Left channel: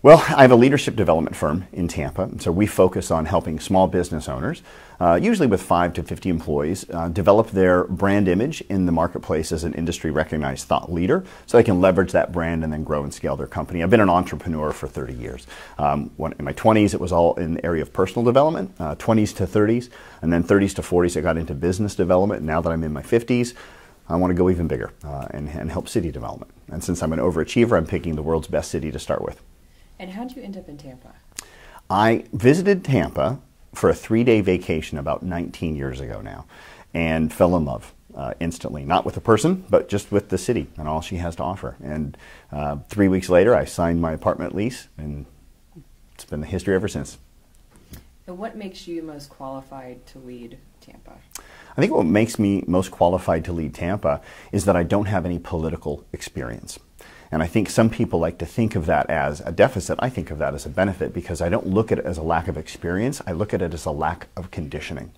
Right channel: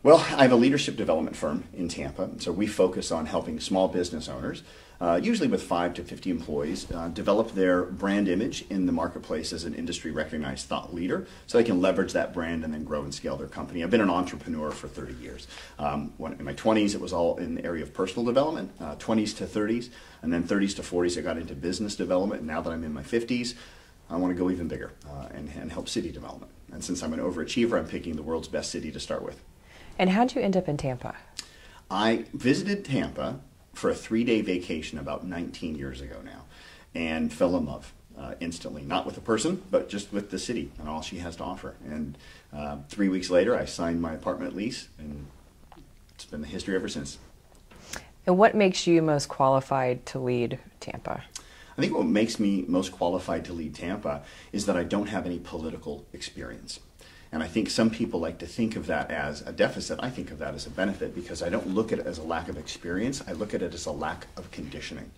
Well, I have a leadership development firm in Tampa, so we focus on helping small business owners, usually with 5 to 50 employees, develop their brand image in the marketplace as an industry-recognized thought leader so they can leverage that brand and then grow and scale their company. I've been an entrepreneur for 30 years. In my 20s, it was all in the area of personal development, 20s to 30s, and then 30s to 40s, I got into business development. Now that I'm in my 50s, I want to go even bigger and help city development. And since I'm an overachiever, I'm picking the world's best city to start with. And how'd you end up in Tampa? I visited Tampa for a 3-day vacation about 19 years ago now and fell in love instantly, not with the person, but just with the city and all she has to offer. And 3 weeks later, I signed my apartment lease, and it's been the history ever since. And what makes you most qualified to lead Tampa? I think what makes me most qualified to lead Tampa is that I don't have any political experience. And I think some people like to think of that as a deficit. I think of that as a benefit because I don't look at it as a lack of experience. I look at it as a lack of conditioning.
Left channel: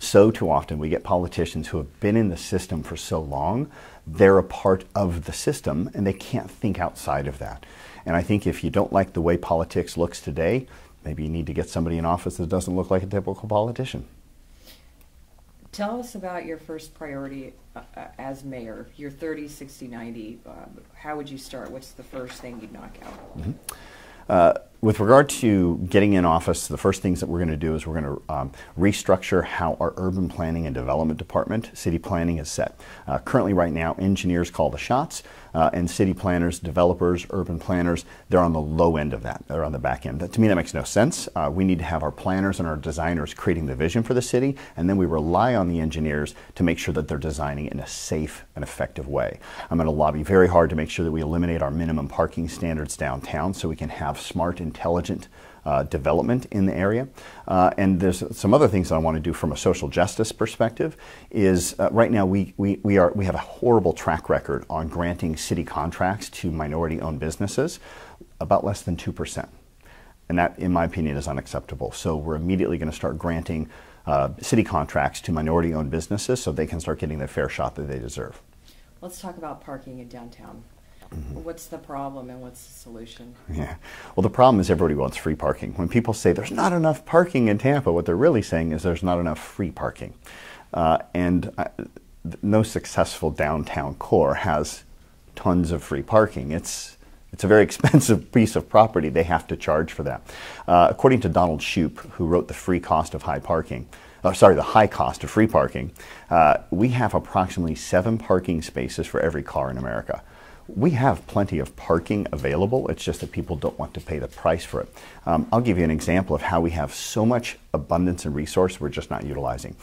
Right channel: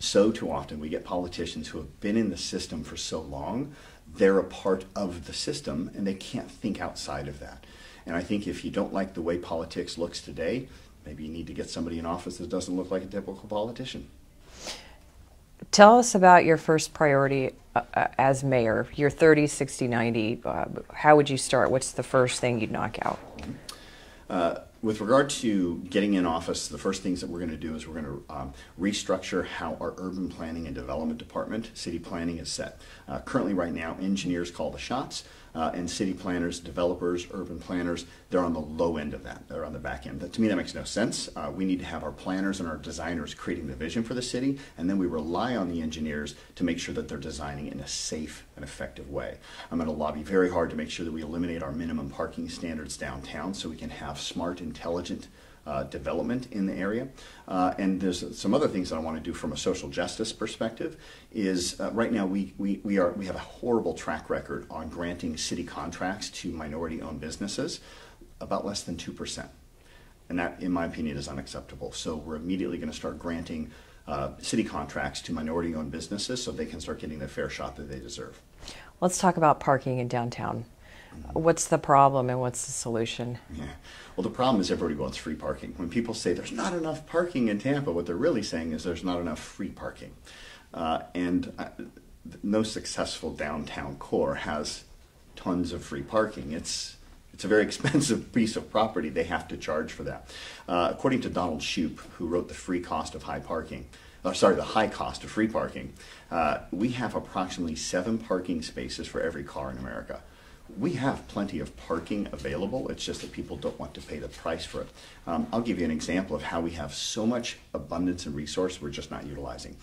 So too often we get politicians who have been in the system for so long, they're a part of the system and they can't think outside of that. And I think if you don't like the way politics looks today, maybe you need to get somebody in office that doesn't look like a typical politician. Tell us about your first priority as mayor. You're 30, 60, 90. How would you start? What's the first thing you'd knock out? With regard to getting in office, the first things that we're going to do is we're going to restructure how our urban planning and development department, city planning, is set. Currently right now, engineers call the shots, and city planners, developers, urban planners, they're on the low end of that. They're on the back end. To me, that makes no sense. We need to have our planners and our designers creating the vision for the city, and then we rely on the engineers to make sure that they're designing it in a safe and effective way. I'm going to lobby very hard to make sure that we eliminate our minimum parking standards downtown so we can have smart, intelligent development in the area. And there's some other things that I want to do from a social justice perspective is right now we have a horrible track record on granting city contracts to minority-owned businesses, about less than 2%. And that, in my opinion, is unacceptable. So we're immediately going to start granting city contracts to minority-owned businesses so they can start getting the fair shot that they deserve. Let's talk about parking in downtown. What's the problem and what's the solution? Yeah. Well, the problem is everybody wants free parking. When people say there's not enough parking in Tampa, what they're really saying is there's not enough free parking. No successful downtown core has tons of free parking. It's a very expensive piece of property. They have to charge for that. According to Donald Shoup, who wrote The Free Cost of High Parking, the High Cost of Free Parking, we have approximately 7 parking spaces for every car in America. We have plenty of parking available. It's just that people don't want to pay the price for it. I'll give you an example of how we have so much abundance and resource we're just not utilizing.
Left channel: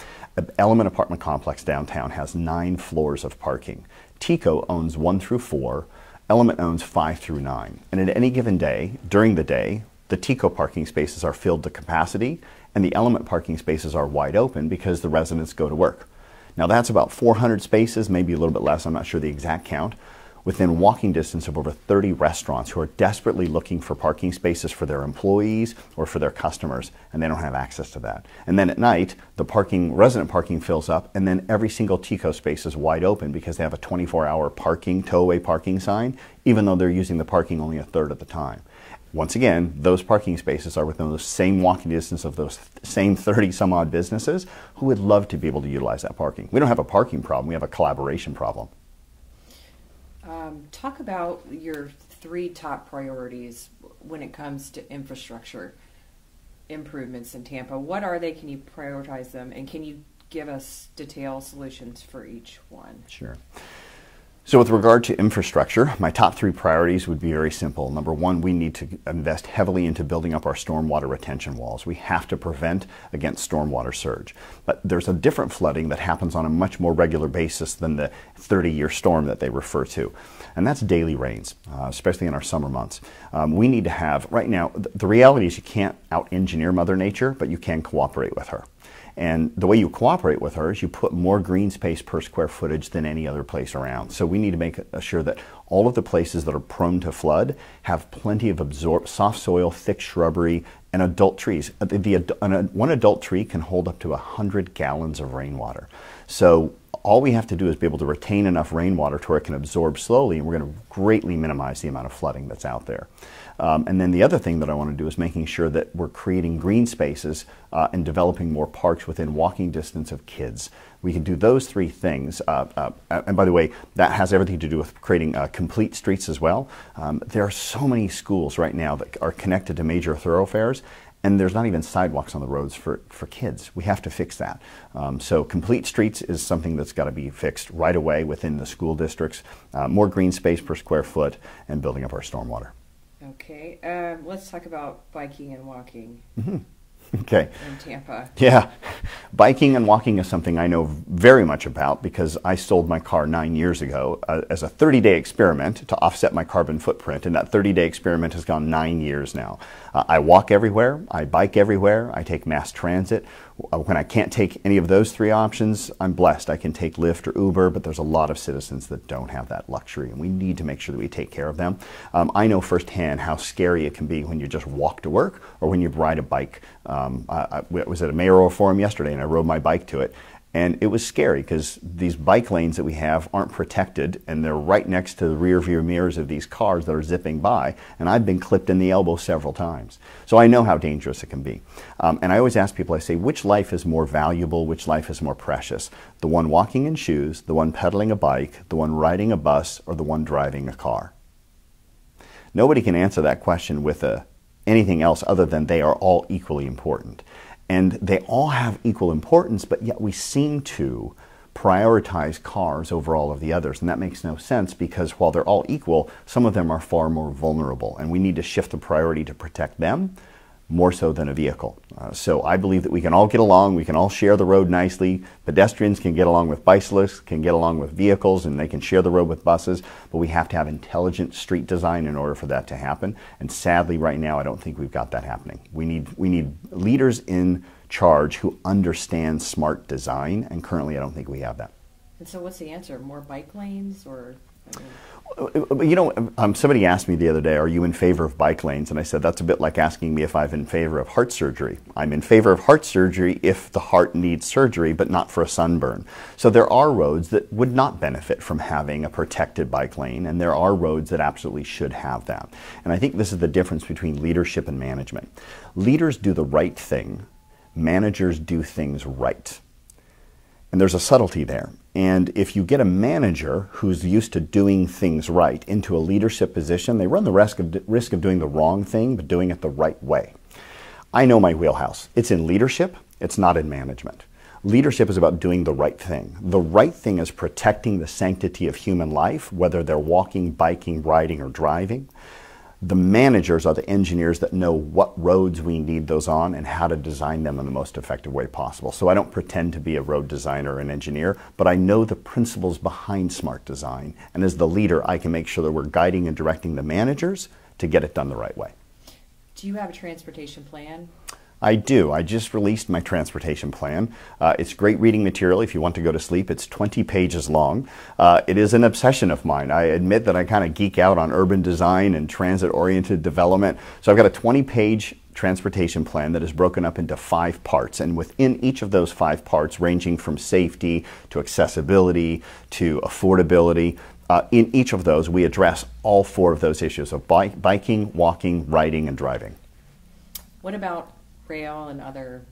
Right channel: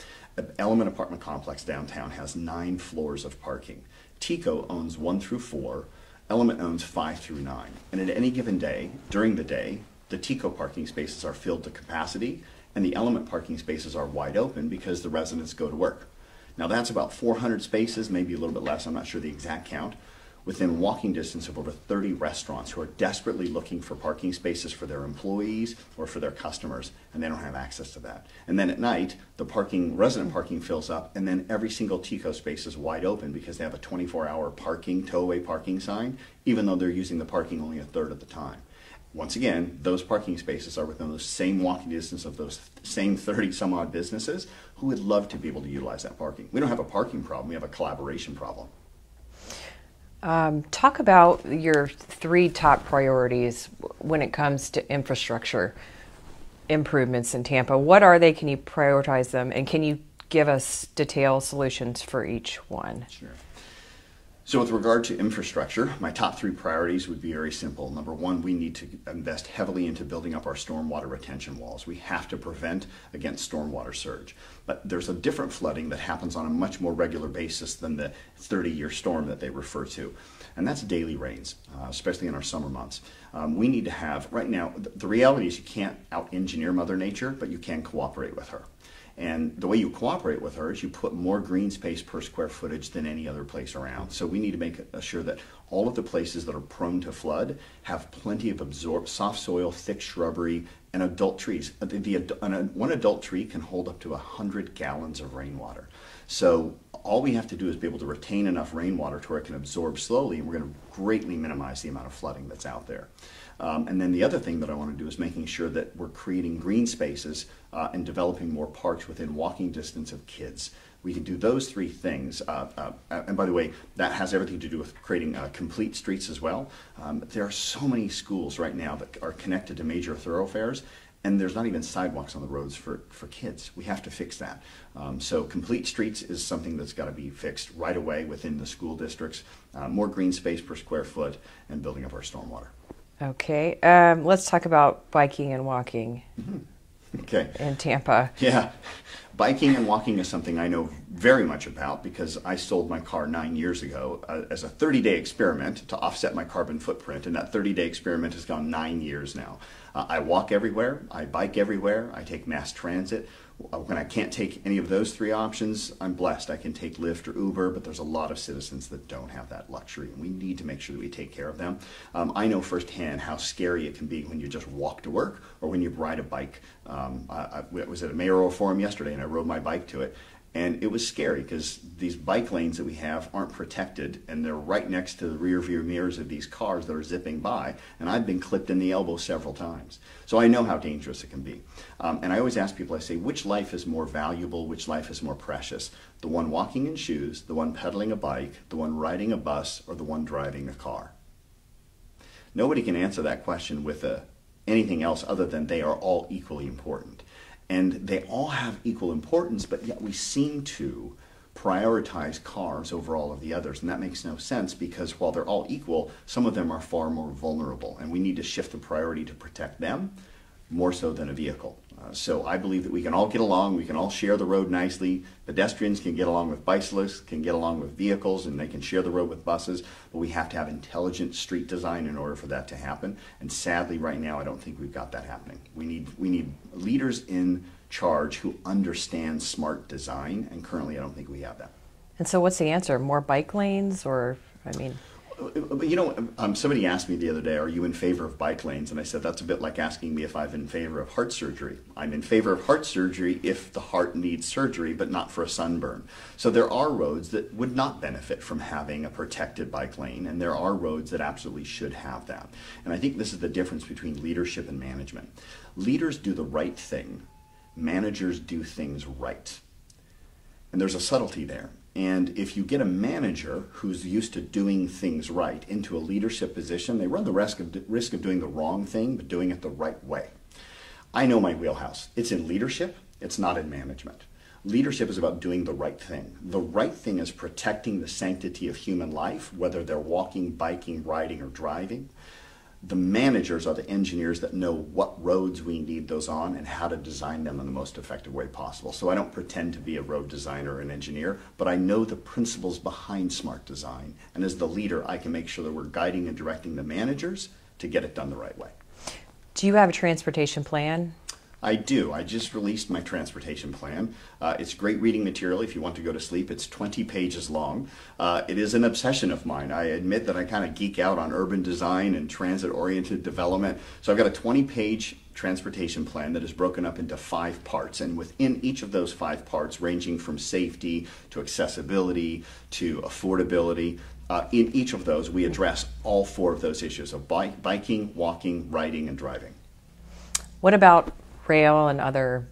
Element Apartment Complex downtown has 9 floors of parking. TECO owns 1 through 4. Element owns 5 through 9. And at any given day, during the day, the TECO parking spaces are filled to capacity and the Element parking spaces are wide open because the residents go to work. Now that's about 400 spaces, maybe a little bit less, I'm not sure the exact count, within walking distance of over 30 restaurants who are desperately looking for parking spaces for their employees or for their customers, and they don't have access to that. And then at night, the resident parking fills up, and then every single TECO space is wide open because they have a 24-hour tow-away parking sign, even though they're using the parking only a third of the time. Once again, those parking spaces are within the same walking distance of those same 30-some-odd businesses who would love to be able to utilize that parking. We don't have a parking problem, we have a collaboration problem. Talk about your 3 top priorities when it comes to infrastructure improvements in Tampa. What are they? Can you prioritize them? And can you give us detailed solutions for each one? Sure. So with regard to infrastructure, my top 3 priorities would be very simple. Number 1, we need to invest heavily into building up our stormwater retention walls. We have to prevent against stormwater surge. But there's a different flooding that happens on a much more regular basis than the 30-year storm that they refer to. And that's daily rains, especially in our summer months. We need to have, right now, the reality is you can't out-engineer Mother Nature, but you can cooperate with her. And the way you cooperate with her is you put more green space per square footage than any other place around. So we need to make sure that all of the places that are prone to flood have plenty of soft soil, thick shrubbery, and adult trees. One adult tree can hold up to 100 gallons of rainwater. So all we have to do is be able to retain enough rainwater to where it can absorb slowly, and we're going to greatly minimize the amount of flooding that's out there. And then the other thing that I want to do is making sure that we're creating green spaces and developing more parks within walking distance of kids. We can do those three things. And by the way, that has everything to do with creating complete streets as well. There are so many schools right now that are connected to major thoroughfares, and there's not even sidewalks on the roads for kids. We have to fix that. So complete streets is something that's got to be fixed right away within the school districts, more green space per square foot, and building up our stormwater. Okay, let's talk about biking and walking. Okay. In Tampa. Yeah. Biking and walking is something I know very much about because I sold my car 9 years ago as a 30-day experiment to offset my carbon footprint, and that 30-day experiment has gone 9 years now. I walk everywhere, I bike everywhere, I take mass transit. When I can't take any of those three options, I'm blessed. I can take Lyft or Uber, but there's a lot of citizens that don't have that luxury, and we need to make sure that we take care of them. I know firsthand how scary it can be when you just walk to work or when you ride a bike. I was at a Mayoral forum yesterday, and I rode my bike to it. And it was scary because these bike lanes that we have aren't protected, and they're right next to the rear view mirrors of these cars that are zipping by, and I've been clipped in the elbow several times. So I know how dangerous it can be. And I always ask people, I say, which life is more valuable, which life is more precious? The one walking in shoes, the one pedaling a bike, the one riding a bus, or the one driving a car? Nobody can answer that question with anything else other than they are all equally important. And they all have equal importance, but yet we seem to prioritize cars over all of the others. And that makes no sense because while they're all equal, some of them are far more vulnerable. And we need to shift the priority to protect them more so than a vehicle. So I believe that we can all get along, we can all share the road nicely. Pedestrians can get along with bicyclists, can get along with vehicles, and they can share the road with buses, but we have to have intelligent street design in order for that to happen. And sadly, right now, I don't think we've got that happening. We need leaders in charge who understand smart design, and currently I don't think we have that. And so what's the answer? More bike lanes, or, I mean... You know, somebody asked me the other day, are you in favor of bike lanes? And I said, that's a bit like asking me if I'm in favor of heart surgery. I'm in favor of heart surgery if the heart needs surgery, but not for a sunburn. So there are roads that would not benefit from having a protected bike lane, and there are roads that absolutely should have that. And I think this is the difference between leadership and management. Leaders do the right thing. Managers do things right. And there's a subtlety there. And if you get a manager who's used to doing things right into a leadership position, they run the risk of doing the wrong thing, but doing it the right way. I know my wheelhouse. It's in leadership. It's not in management. Leadership is about doing the right thing. The right thing is protecting the sanctity of human life, whether they're walking, biking, riding, or driving. The managers are the engineers that know what roads we need those on and how to design them in the most effective way possible. So I don't pretend to be a road designer or an engineer, but I know the principles behind smart design. And as the leader, I can make sure that we're guiding and directing the managers to get it done the right way. Do you have a transportation plan? I do. I just released my transportation plan. It's great reading material if you want to go to sleep. It's 20 pages long. It is an obsession of mine. I admit that I kind of geek out on urban design and transit-oriented development. So I've got a 20-page transportation plan that is broken up into 5 parts. And within each of those 5 parts, ranging from safety to accessibility to affordability, in each of those, we address all 4 of those issues of biking, walking, riding, and driving. What about rail and other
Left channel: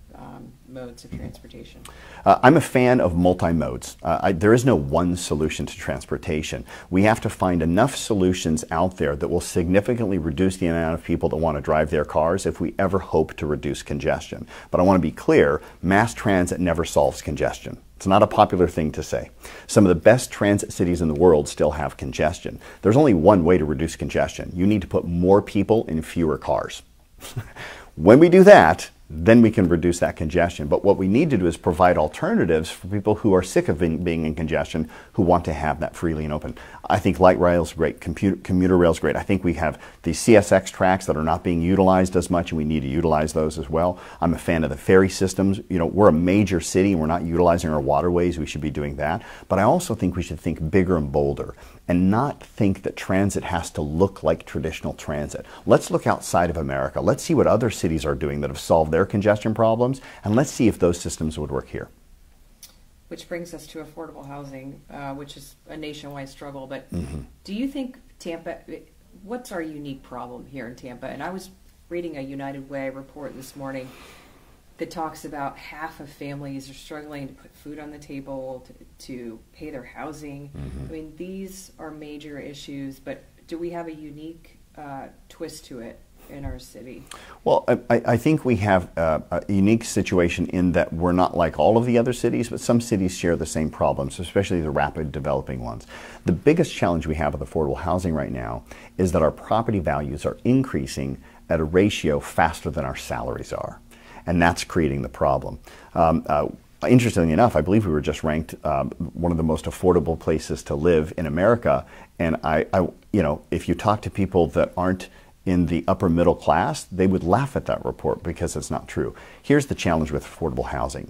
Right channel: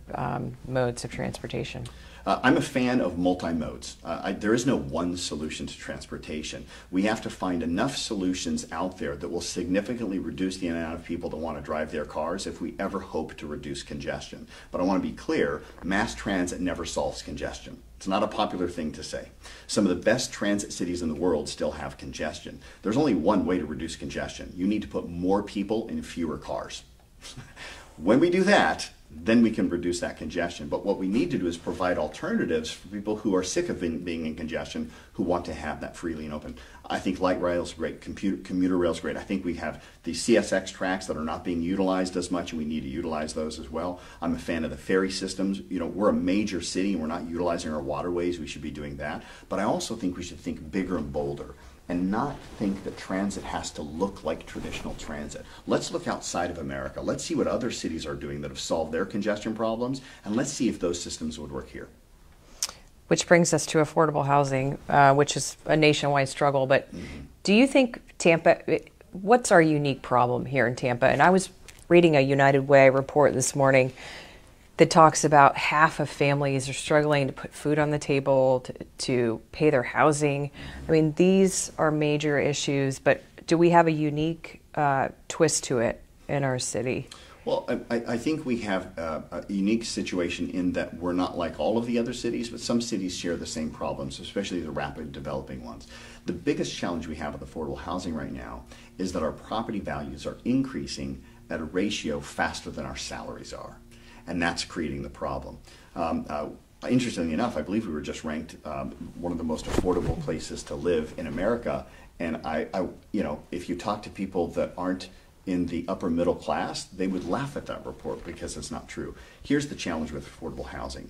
modes of transportation? I'm a fan of multi-modes. There is no one solution to transportation. We have to find enough solutions out there that will significantly reduce the amount of people that want to drive their cars if we ever hope to reduce congestion. But I want to be clear, mass transit never solves congestion. It's not a popular thing to say. Some of the best transit cities in the world still have congestion. There's only one way to reduce congestion. You need to put more people in fewer cars. When we do that, then we can reduce that congestion. But what we need to do is provide alternatives for people who are sick of being in congestion, who want to have that freely and open. I think light rail is great, commuter rail is great. I think we have the CSX tracks that are not being utilized as much, and we need to utilize those as well. I'm a fan of the ferry systems. You know, we're a major city, and we're not utilizing our waterways. We should be doing that. But I also think we should think bigger and bolder and not think that transit has to look like traditional transit. Let's look outside of America. Let's see what other cities are doing that have solved their congestion problems, and let's see if those systems would work here. Which brings us to affordable housing, which is a nationwide struggle. But do you think Tampa, what's our unique problem here in Tampa? And I was reading a United Way report this morning that talks about half of families are struggling to put food on the table, to pay their housing. I mean, these are major issues, but do we have a unique twist to it in our city? Well, I think we have a unique situation in that we're not like all of the other cities, but some cities share the same problems, especially the rapid developing ones. The biggest challenge we have with affordable housing right now is that our property values are increasing at a ratio faster than our salaries are. And that's creating the problem. Interestingly enough, I believe we were just ranked one of the most affordable places to live in America. And you know, if you talk to people that aren't in the upper middle class, they would laugh at that report because it's not true. Here's the challenge with affordable housing.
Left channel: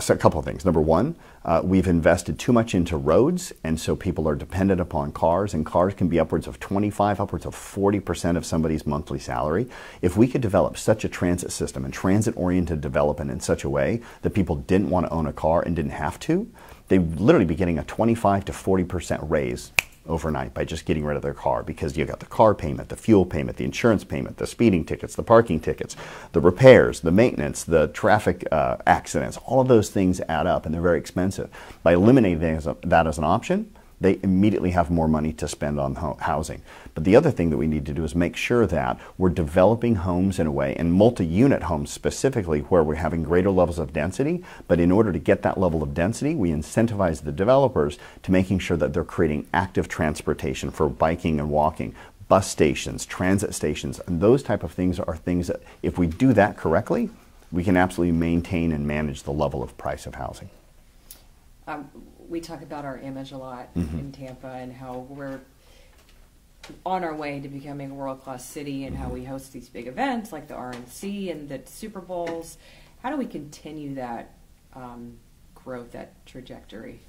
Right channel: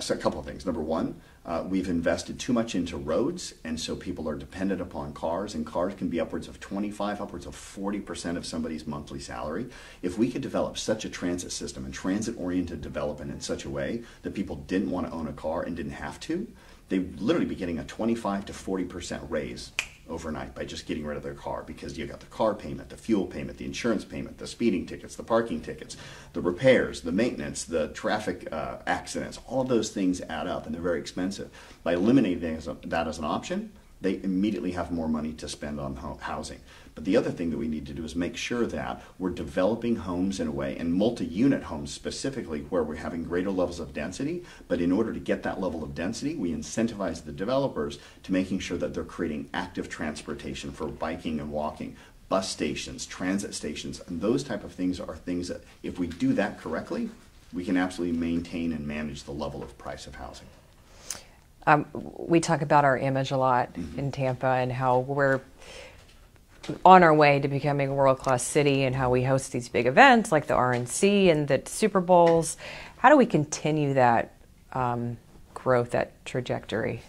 So a couple of things. Number one, we've invested too much into roads, and so people are dependent upon cars, and cars can be upwards of 25, upwards of 40% of somebody's monthly salary. If we could develop such a transit system and transit-oriented development in such a way that people didn't want to own a car and didn't have to, they'd literally be getting a 25 to 40% raise overnight by just getting rid of their car, because you got the car payment, the fuel payment, the insurance payment, the speeding tickets, the parking tickets, the repairs, the maintenance, the traffic accidents. All of those things add up, and they're very expensive. By eliminating that as an option, they immediately have more money to spend on housing. But the other thing that we need to do is make sure that we're developing homes in a way, and multi-unit homes specifically, where we're having greater levels of density. But in order to get that level of density, we incentivize the developers to making sure that they're creating active transportation for biking and walking, bus stations, transit stations, and those type of things are things that, if we do that correctly, we can absolutely maintain and manage the level of price of housing. We talk about our image a lot in Tampa, and how we're on our way to becoming a world-class city, and how we host these big events like the RNC and the Super Bowls. How do we continue that growth, that trajectory?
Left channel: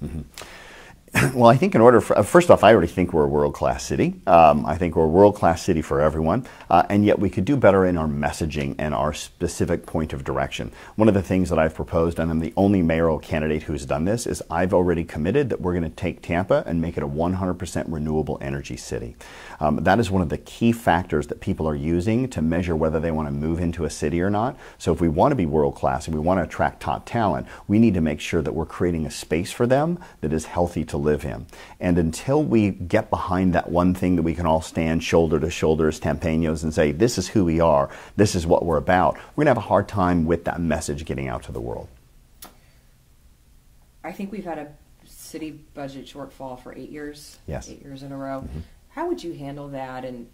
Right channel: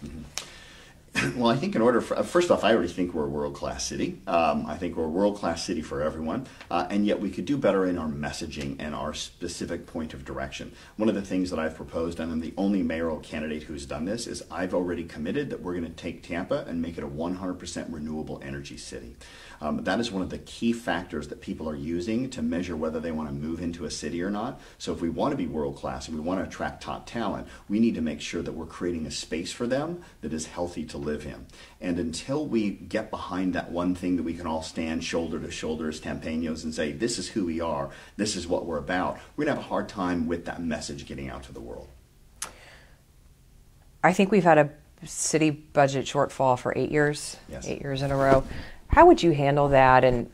Well, I think in order for, first off, I already think we're a world-class city. I think we're a world-class city for everyone, and yet we could do better in our messaging and our specific point of direction. One of the things that I've proposed, and I'm the only mayoral candidate who's done this, is I've already committed that we're going to take Tampa and make it a 100% renewable energy city. That is one of the key factors that people are using to measure whether they want to move into a city or not. So if we want to be world-class and we want to attract top talent, we need to make sure that we're creating a space for them that is healthy to live in. And until we get behind that one thing that we can all stand shoulder to shoulder as Tampaños and say, this is who we are, this is what we're about, we're going to have a hard time with that message getting out to the world. I think we've had a city budget shortfall for 8 years, Yes. 8 years in a row. How would you handle that? And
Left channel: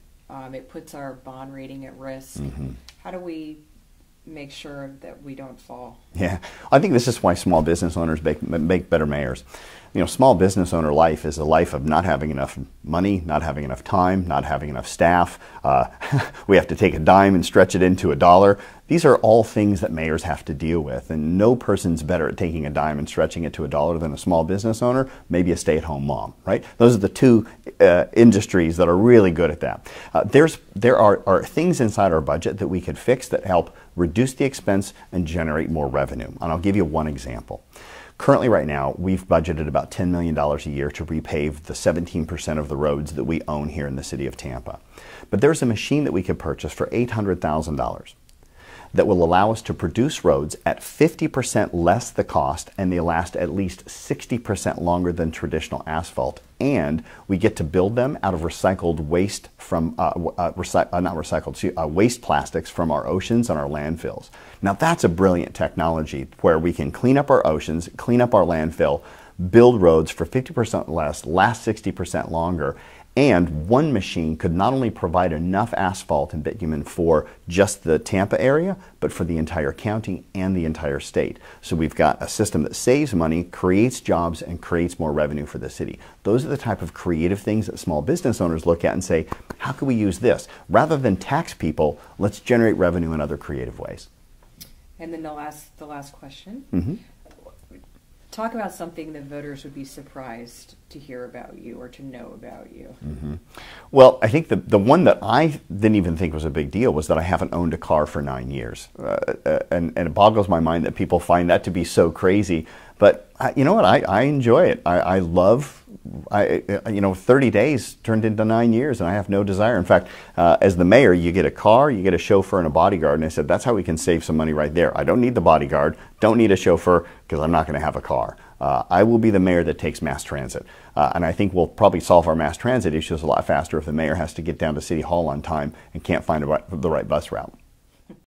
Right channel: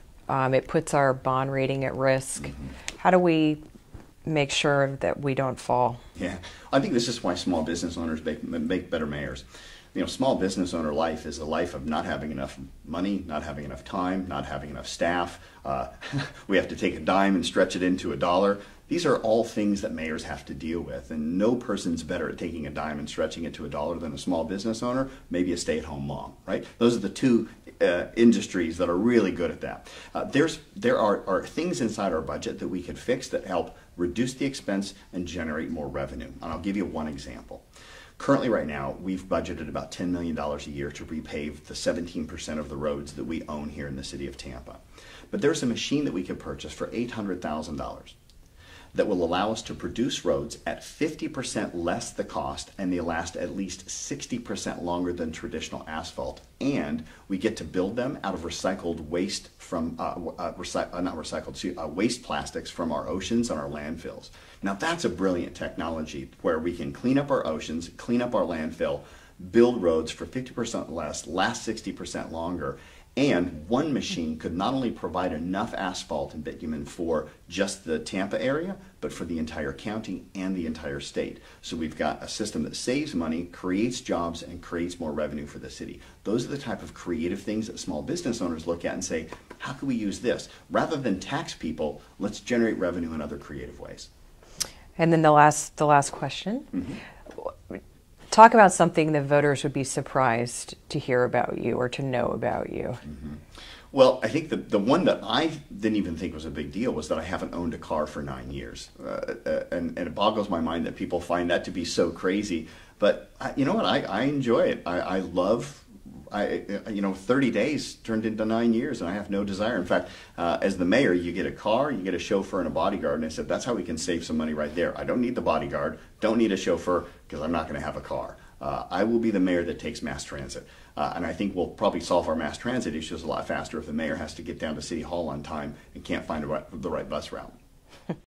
it puts our bond rating at risk. How do we make sure that we don't fall? Yeah, I think this is why small business owners make better mayors. You know, small business owner life is a life of not having enough money, not having enough time, not having enough staff. We have to take a dime and stretch it into a dollar. These are all things that mayors have to deal with, and no person's better at taking a dime and stretching it to a dollar than a small business owner, maybe a stay-at-home mom, right? Those are the two industries that are really good at that. There are things inside our budget that we could fix that help reduce the expense and generate more revenue. And I'll give you one example. Currently, right now, we've budgeted about $10 million a year to repave the 17% of the roads that we own here in the city of Tampa. But there's a machine that we could purchase for $800,000 that will allow us to produce roads at 50% less the cost, and they last at least 60% longer than traditional asphalt. And we get to build them out of recycled waste from waste plastics from our oceans and our landfills. Now that's a brilliant technology where we can clean up our oceans, clean up our landfill, build roads for 50% less, last 60% longer. And one machine could not only provide enough asphalt and bitumen for just the Tampa area, but for the entire county and the entire state. So we've got a system that saves money, creates jobs, and creates more revenue for the city. Those are the type of creative things that small business owners look at and say, how can we use this? Rather than tax people, let's generate revenue in other creative ways. And then the last question. Talk about something that voters would be surprised to hear about you or to know about you. Well, I think the one that I didn't even think was a big deal was that I haven't owned a car for 9 years. And it boggles my mind that people find that to be so crazy. But you know what? I enjoy it. I love 30 days turned into 9 years, and I have no desire. In fact, as the mayor, you get a car, you get a chauffeur and a bodyguard, and I said that's how we can save some money right there. I don't need the bodyguard, don't need a chauffeur, because I'm not going to have a car. I will be the mayor that takes mass transit, and I think we'll probably solve our mass transit issues a lot faster if the mayor has to get down to City Hall on time and can't find the right bus route.